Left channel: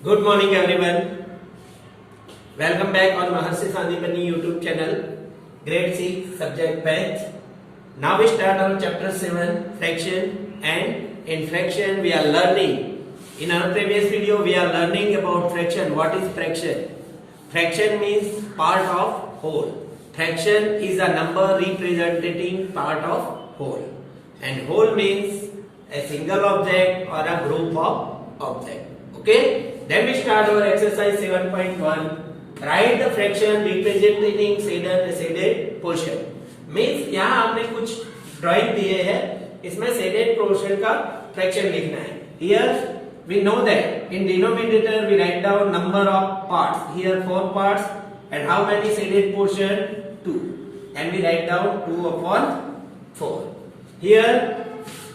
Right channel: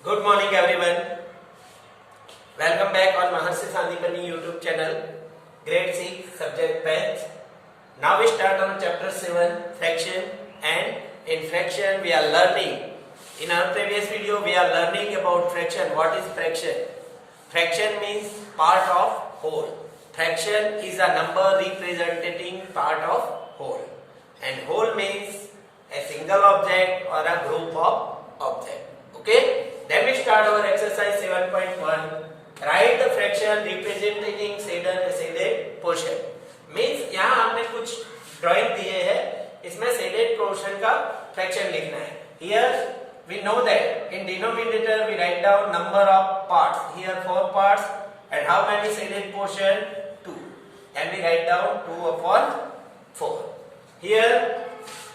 Good morning everyone. Welcome back on Maharshi Sandipani YouTube channel, grade 6, subject math. Now we start on chapter 7, fraction, and in fraction we are learning. In our previous video we are learning about fraction. What is fraction? Fraction means part of whole. Fraction is a number representing part of whole. And whole means a single object or a group of objects. Okay? Then we start our exercise 7.1. Write the fraction representing shaded portion. Means यहाँ आपने कुछ drawing दिए हैं, इसमें shaded portion का fraction लिखना है. Here we know that in denominator we write down number of parts. Here 4 parts, and how many shaded portion? 2. And we write down 2 upon 4. Here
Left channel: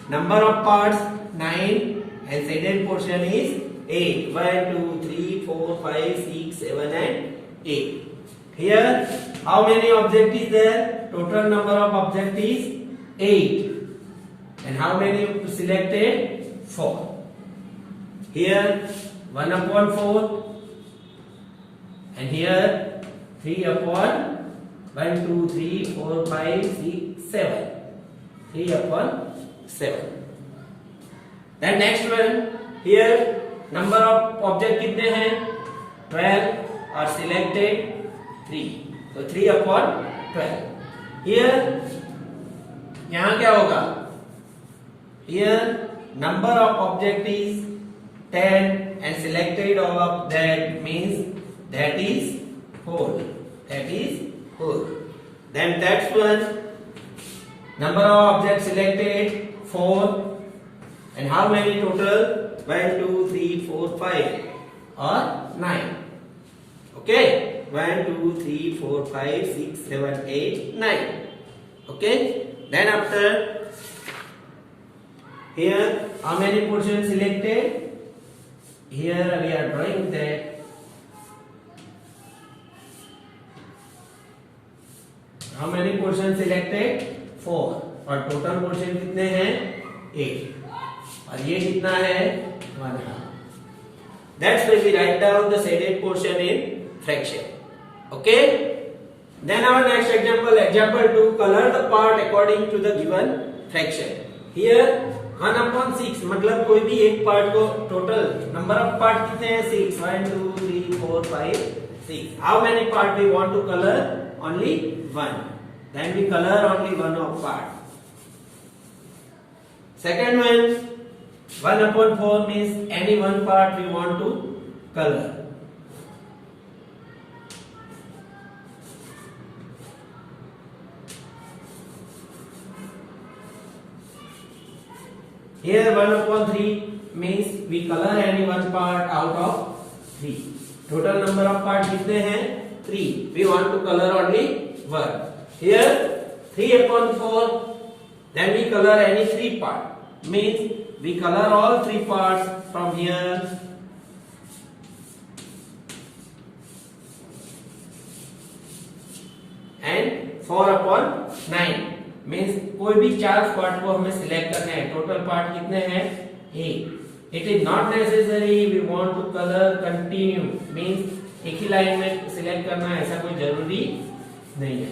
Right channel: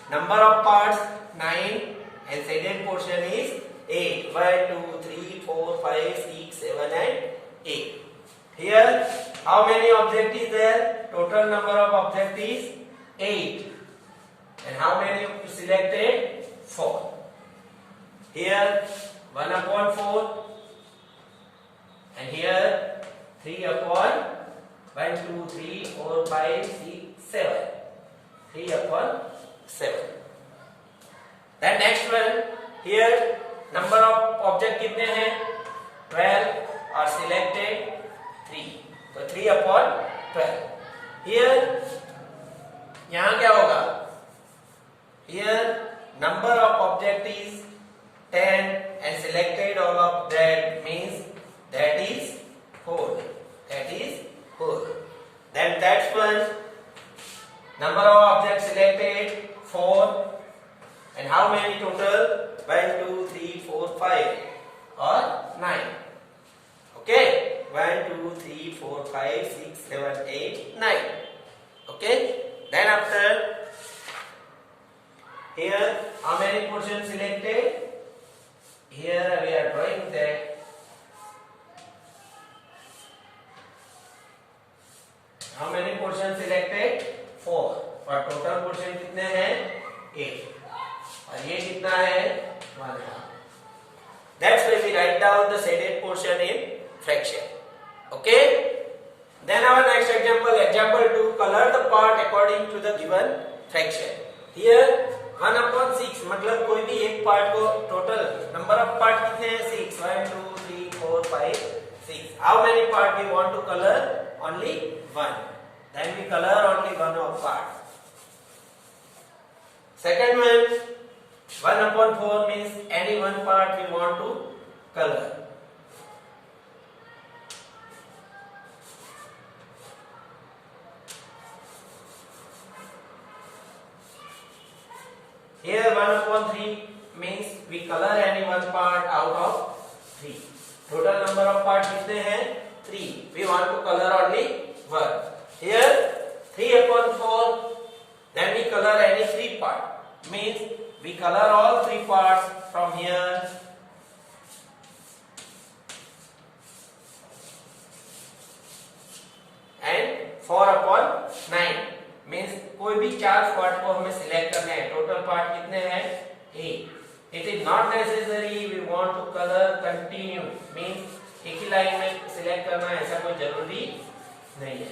number of parts 9 and shaded portion is 8. 1, 2, 3, 4, 5, 6, 7 and 8. Here how many object is there? Total number of object is 8. And how many selected? 4. Here 1 upon 4. And here 3 upon 1, 2, 3, 4, 5, 6, 7. 3 upon 7. Then next one, here number of object कितने हैं? 12 और selected 3. तो 3 upon 12. Here यहाँ क्या होगा? Here number of object is 10 and selected all of that means that is whole. That is whole. Then that's one. Number of objects selected 4. And how many total? 1, 2, 3, 4, 5 or 9. Okay? 1, 2, 3, 4, 5, 6, 7, 8, 9. Okay? Then after, here how many portions selected? Here we are drawing that. How many portions selected? 4. और total portion कितने हैं? 8. और ये कितना है? 1/2. That's why we write down the shaded portion in fraction. Okay? Then our next example, example 2, color the part according to the given fraction. Here 1 upon 6 मतलब कोई भी एक पार्ट को total number of part कितने हैं? 6. 1, 2, 3, 4, 5, 6. How many part we want to color? Only 1. Then we color only one of part. Second one, 1 upon 4 means any one part we want to color. Here 1 upon 3 means we color any one part out of 3. Total number of parts कितने हैं? 3. We want to color only 1. Here 3 upon 4, then we color any 3 part. Means we color all 3 parts from here. And 4 upon 9 means कोई भी 4 part को हमें select करना है. Total part कितने हैं? 8. It is not necessary we want to color continue. Means एक ही line में सिलेक्ट करना है, ऐसा कोई जरूरी नहीं है.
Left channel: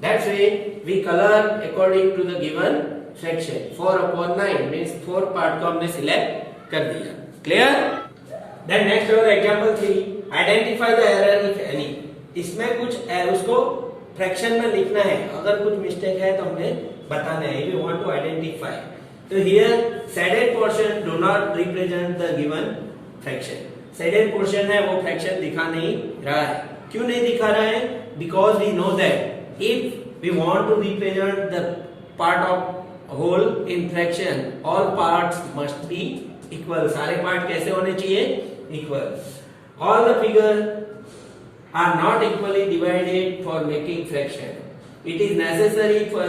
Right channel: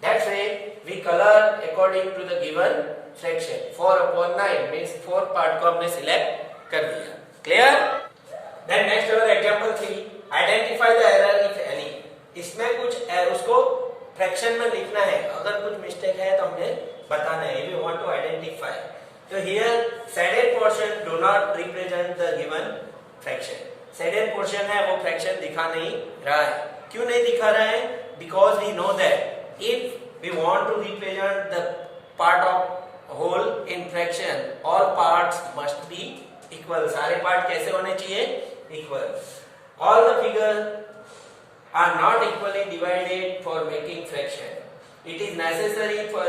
That's why we color according to the given fraction. 4 upon 9 means 4 part को हमने select कर दिया. Clear? Then next our example 3. Identify the error if any. इसमें कुछ उसको fraction में लिखना है. अगर कुछ mistake है तो हमने बताना है. We want to identify. So here shaded portion do not represent the given fraction. Shaded portion है वो fraction दिखा नहीं रहा है. क्यों नहीं दिखा रहा है? Because we know that if we want to represent the part of whole in fraction, all parts must be equal. सारे part कैसे होने चाहिए? Equal. All the figures are not equally divided for making fraction. It is necessary for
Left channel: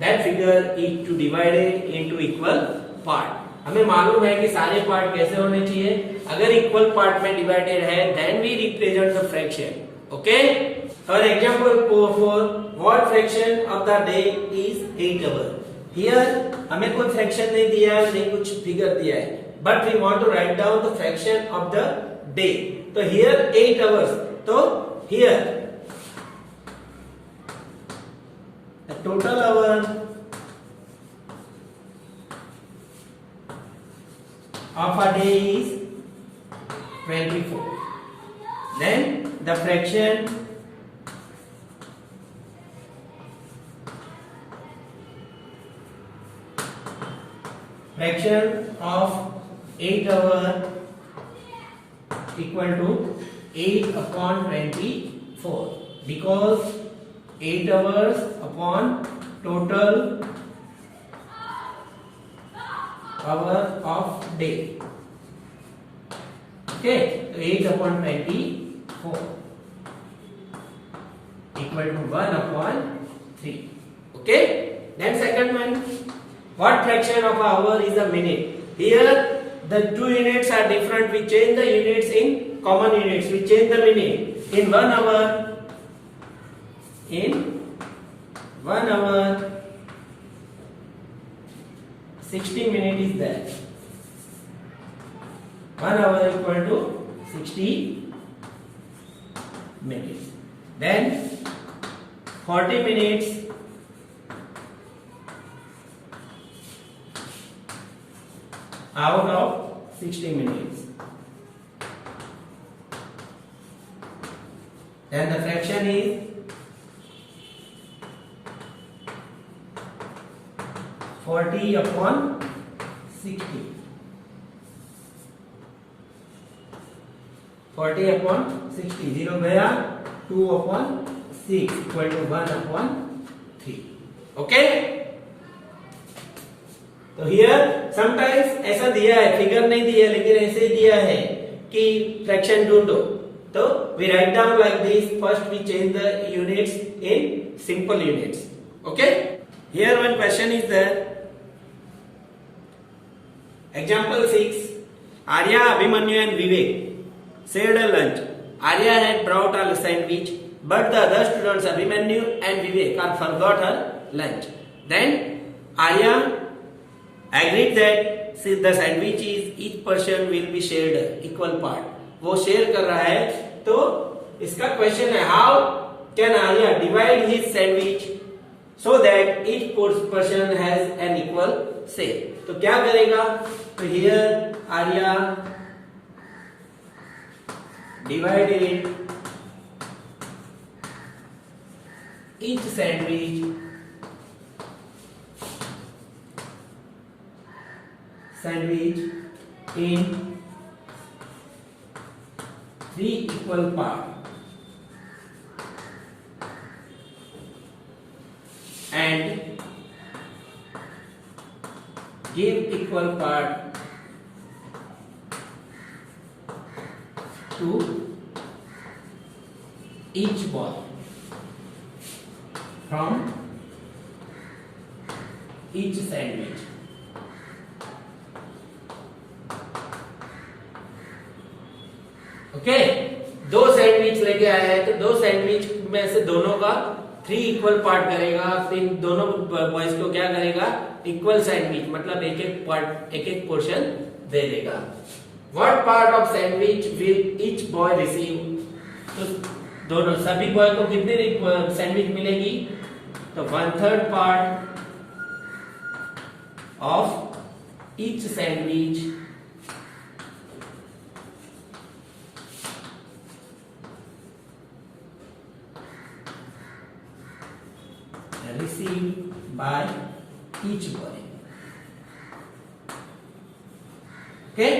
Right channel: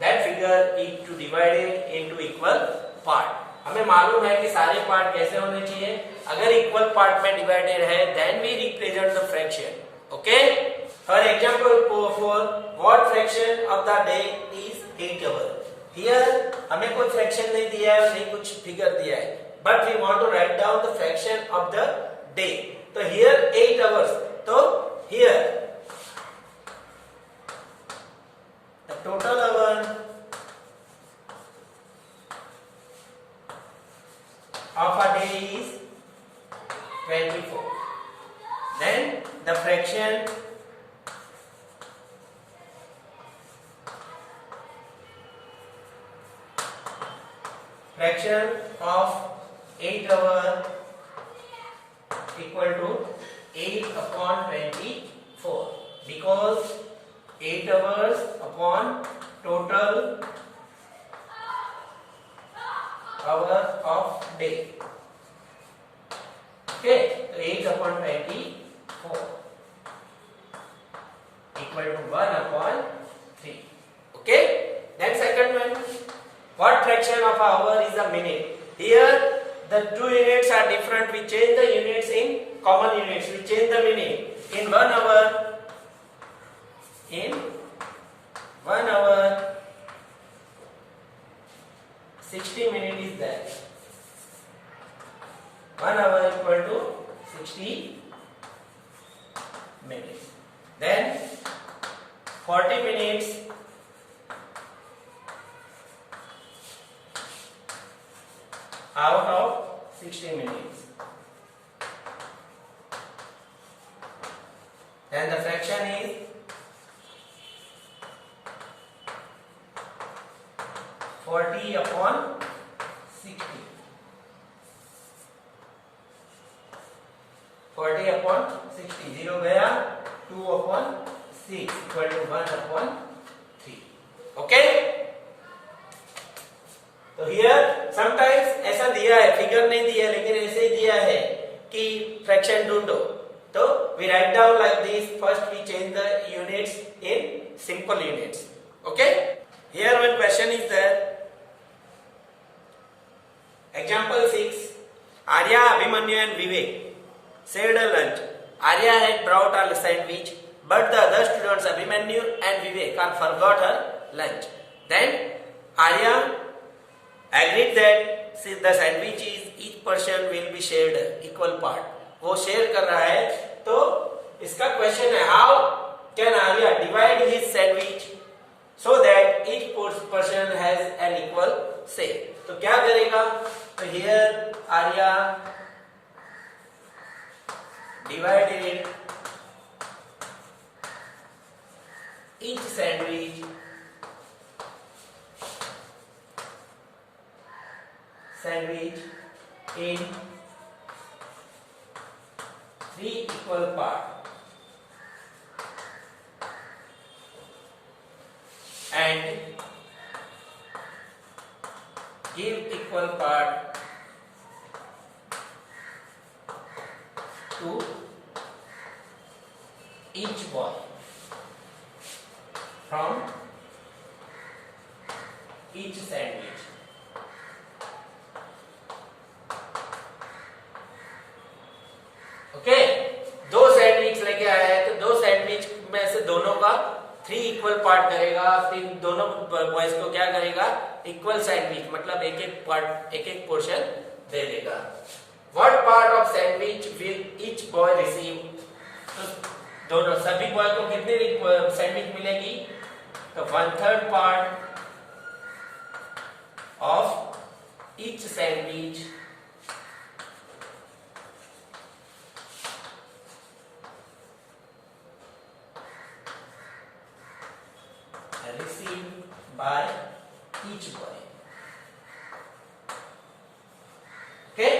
that figure is to divide it into equal part. हमें मालूम है कि सारे part कैसे होने चाहिए. अगर इक्वल पार्ट में डिवाइडेड है then we represent the fraction. Okay? For example 4, what fraction of the day is 8 hours? Here हमें कोई fraction नहीं दिया है, नहीं कुछ फिगर दिया है, but we want to write down the fraction of the day. So here 8 hours. So here the total hour of a day is 24. Then the fraction of 8 hour equal to 8 upon 24, because 8 hours upon total hour of day. Okay, so 8 upon 24 equal to 1 upon 3. Okay, then second one, what fraction of an hour is a minute? Here the two units are different. We change the units in common units. We change the minute. In 1 hour, 60 minutes is there. 1 hour equal to 60 minutes. Then 40 minutes out of 60 minutes. Then the fraction is 40 upon 60. 40 upon 60. 0 गया, 2 upon 6 equal to 1 upon 3. Okay? तो here sometimes ऐसा दिया है, figure नहीं दिया लेकिन ऐसे दिया है कि फ्रैक्शन ढूंढो. तो we write down like this. First we change the units in simple units. Okay, here one question is there. Example 6. Arya, Abhimanyu and Vivek shared a lunch. Arya had brought a sandwich, but the other students Abhimanyu and Vivek are forgot her lunch. Then Arya agreed that since the sandwich is each person will be shared equal part. वो share कर रहा है. तो इसका question है, how can Arya divide his sandwich so that each person has an equal share. तो क्या करेगा? तो here Arya divided each sandwich in 3 equal parts. And give equal part to each boy from each sandwich. Okay, दो sandwich लेके आया है, तो दो सैंडविच में से दोनों का 3 इक्वल पार्ट करेगा. फिर दोनों बॉयज को क्या करेगा? इक्वल सैंडविच, मतलब एक एक पार्ट, एक एक पोर्शन दे देगा. What part of sandwich will each boy receive? तो दोनों सभी बॉय को कितनी सैंडविच मिलेगी? तो 1/3 part of each sandwich received by each boy. Okay,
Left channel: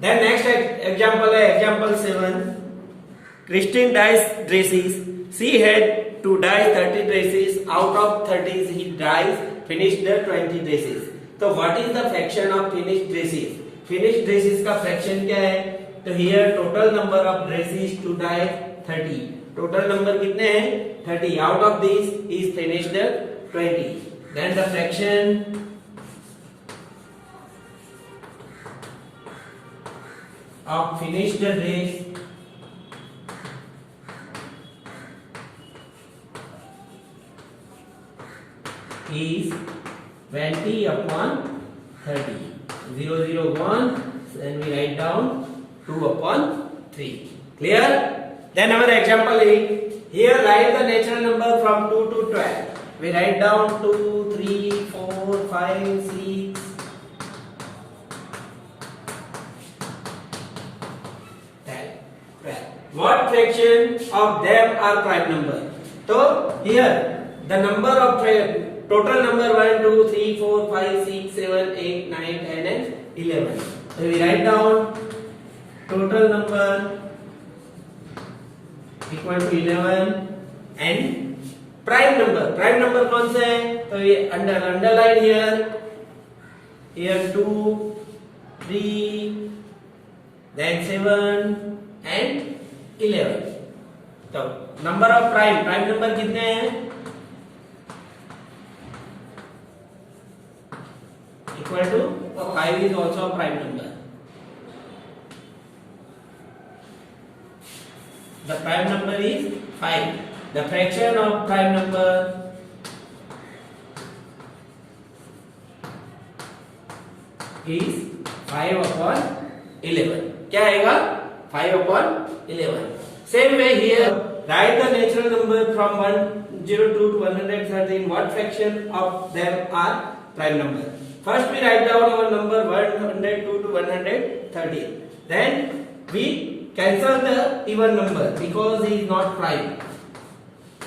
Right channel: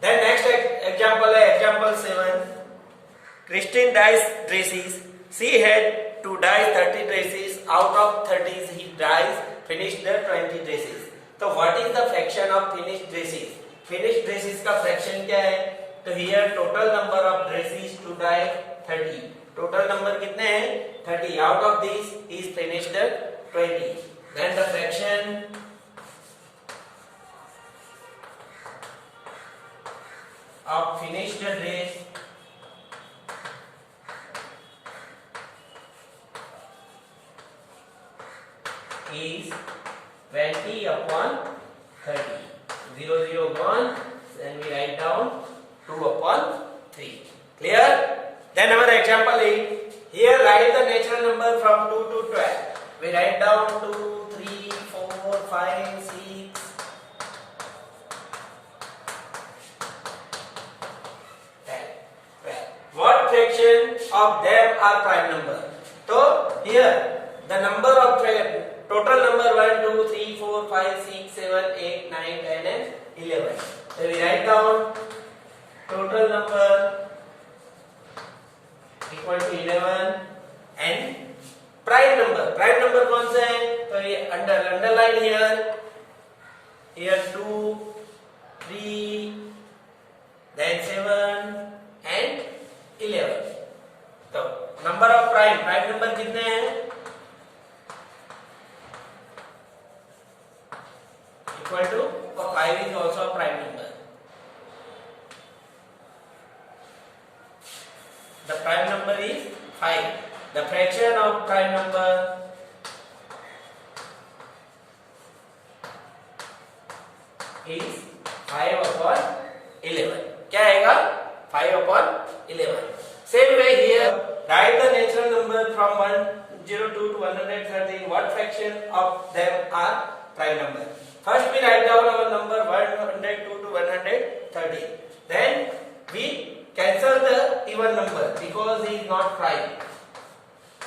then next example है example 7. Christine dyes dresses. She had to dye 30 dresses. Out of 30 he dyes finished the 20 dresses. तो what is the fraction of finished dresses? Finished dresses का fraction क्या है? तो here total number of dresses to dye 30. Total number कितने हैं? 30. Out of this is finished 20. Then the fraction of finished dress is 20 upon 30. 0 0 1, and we write down 2/3. Clear? Then our example is, here write the natural number from 2 to 12. We write down 2, 3, 4, 5, 6, 10, 12. What fraction of them are prime number? So here the number of total number 1, 2, 3, 4, 5, 6, 7, 8, 9, 10 and 11. So we write down total number equal to 11 and prime number कौन से है? तो ये underline here 2, 3, then 7 and 11. तो number of prime number कितने हैं? Equal to 5 is also a prime number. The prime number is 5. The fraction of prime number is 5/11. क्या आएगा? 5/11. Same way here, write the natural number from 102 to 113. What fraction of them are prime number? First we write down our number 102 to 113. Then we cancel the even number because it is not prime.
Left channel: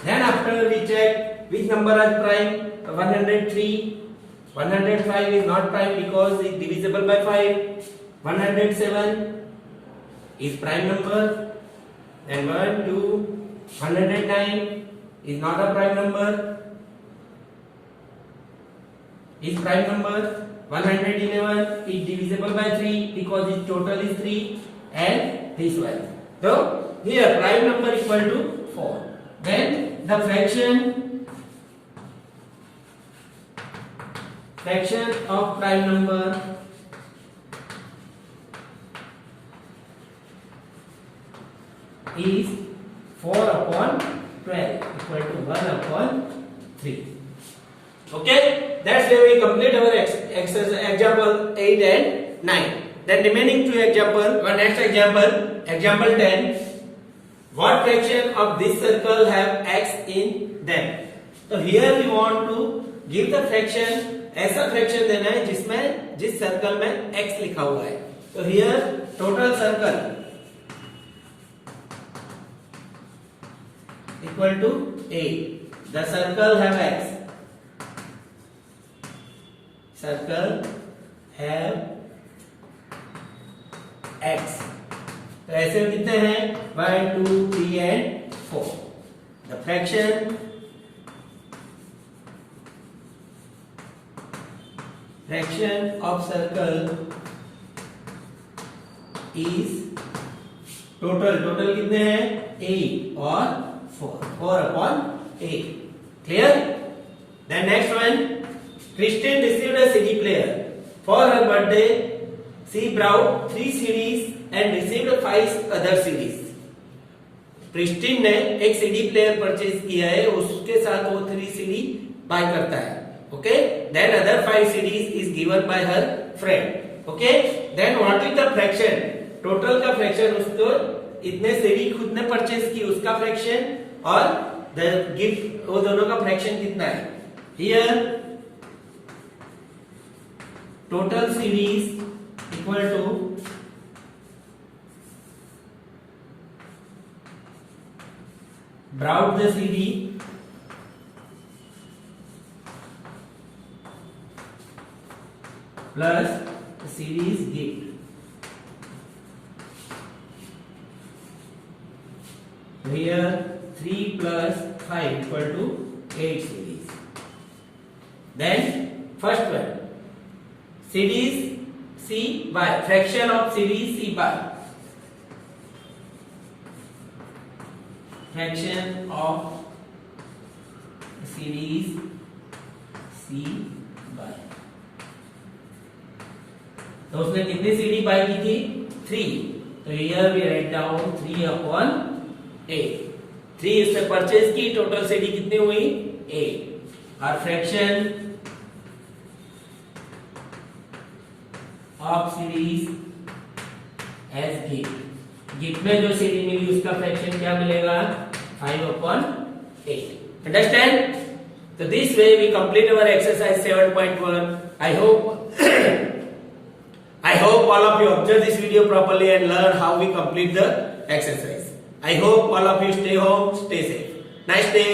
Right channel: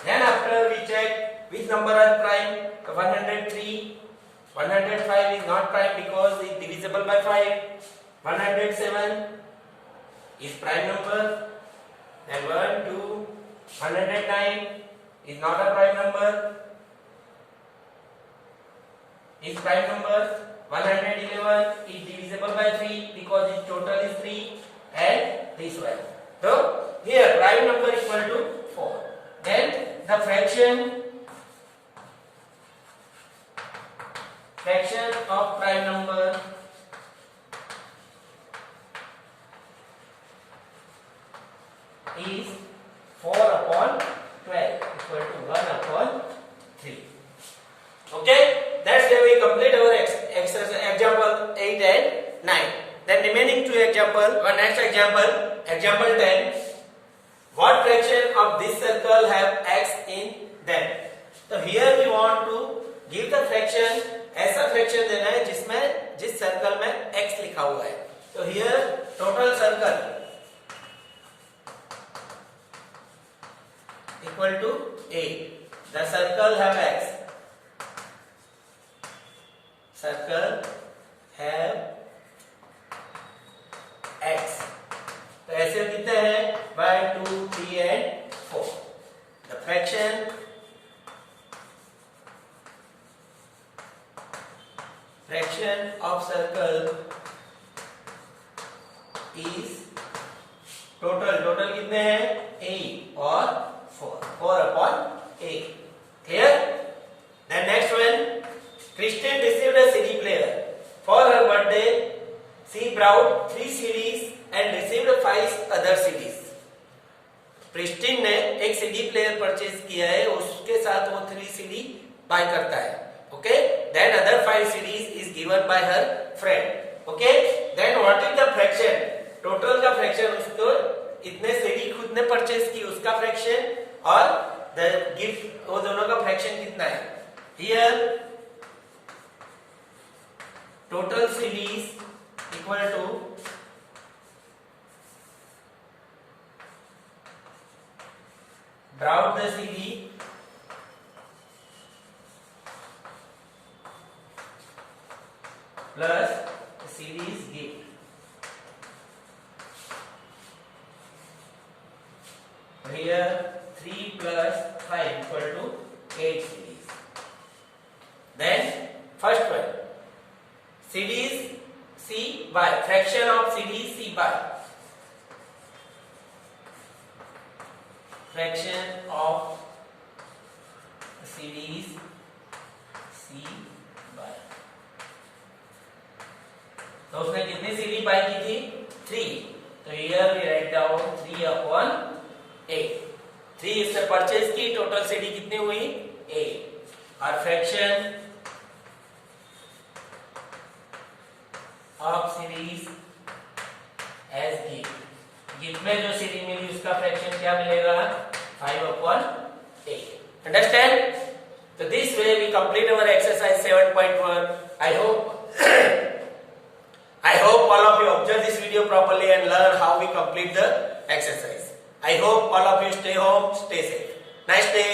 Then after we check which number is prime. 103. 105 is not prime because it is divisible by 5. 107 is prime number. Then 109 is not a prime number. Is prime number. 111 is divisible by 3 because its total is 3, and this one. So here prime number equal to 4. Then the fraction of prime number is 4/12 equal to 1/3. Okay, that's where we complete our example 8 and 9. Then remaining two example, one next example 10. What fraction of this circle have x in them? तो here we want to give the fraction, ऐसा fraction देना है जिसमें जिस circle में x लिखा हुआ है. तो here total circle equal to 8. The circle have x. Circle have x. तो ऐसे कितने हैं? 1, 2, 3 and 4. The fraction of circle is total कितने हैं? 8 और 4. 4/8. Clear? Then next one, Christine received a CD player for her birthday. She bought 3 CDs and received 5 other CDs. Christine ने एक CD player purchase किया है, उसके साथ वो 3 CD बाय करता है. Okay, then other 5 CDs is given by her friend. Okay, then what is the fraction? Total का फ्रैक्शन, उसको इतने सीडी खुद ने परचेज की उसका फ्रैक्शन और द गिफ्ट, वो दोनों का फ्रैक्शन कितना है? Here total CDs equal to brought the CD plus the CD's gift. Here 3 plus 5 equal to 8 CDs. Then first one, CDs C by fraction of CDs C by fraction of series C by. तो उसने कितनी CD bye की थी? 3. तो here we write down 3/8. 3 इससे purchase की, total CD कितनी हुई? 8. और fraction of series as gift. Gift में जो सीरीज मिली उसका फ्रैक्शन क्या मिलेगा 5/8। Understand? So this way we complete our exercise 7.1. I hope all of you observe this video properly and learn how we complete the exercise. I hope all of you stay home, stay safe. Nice day.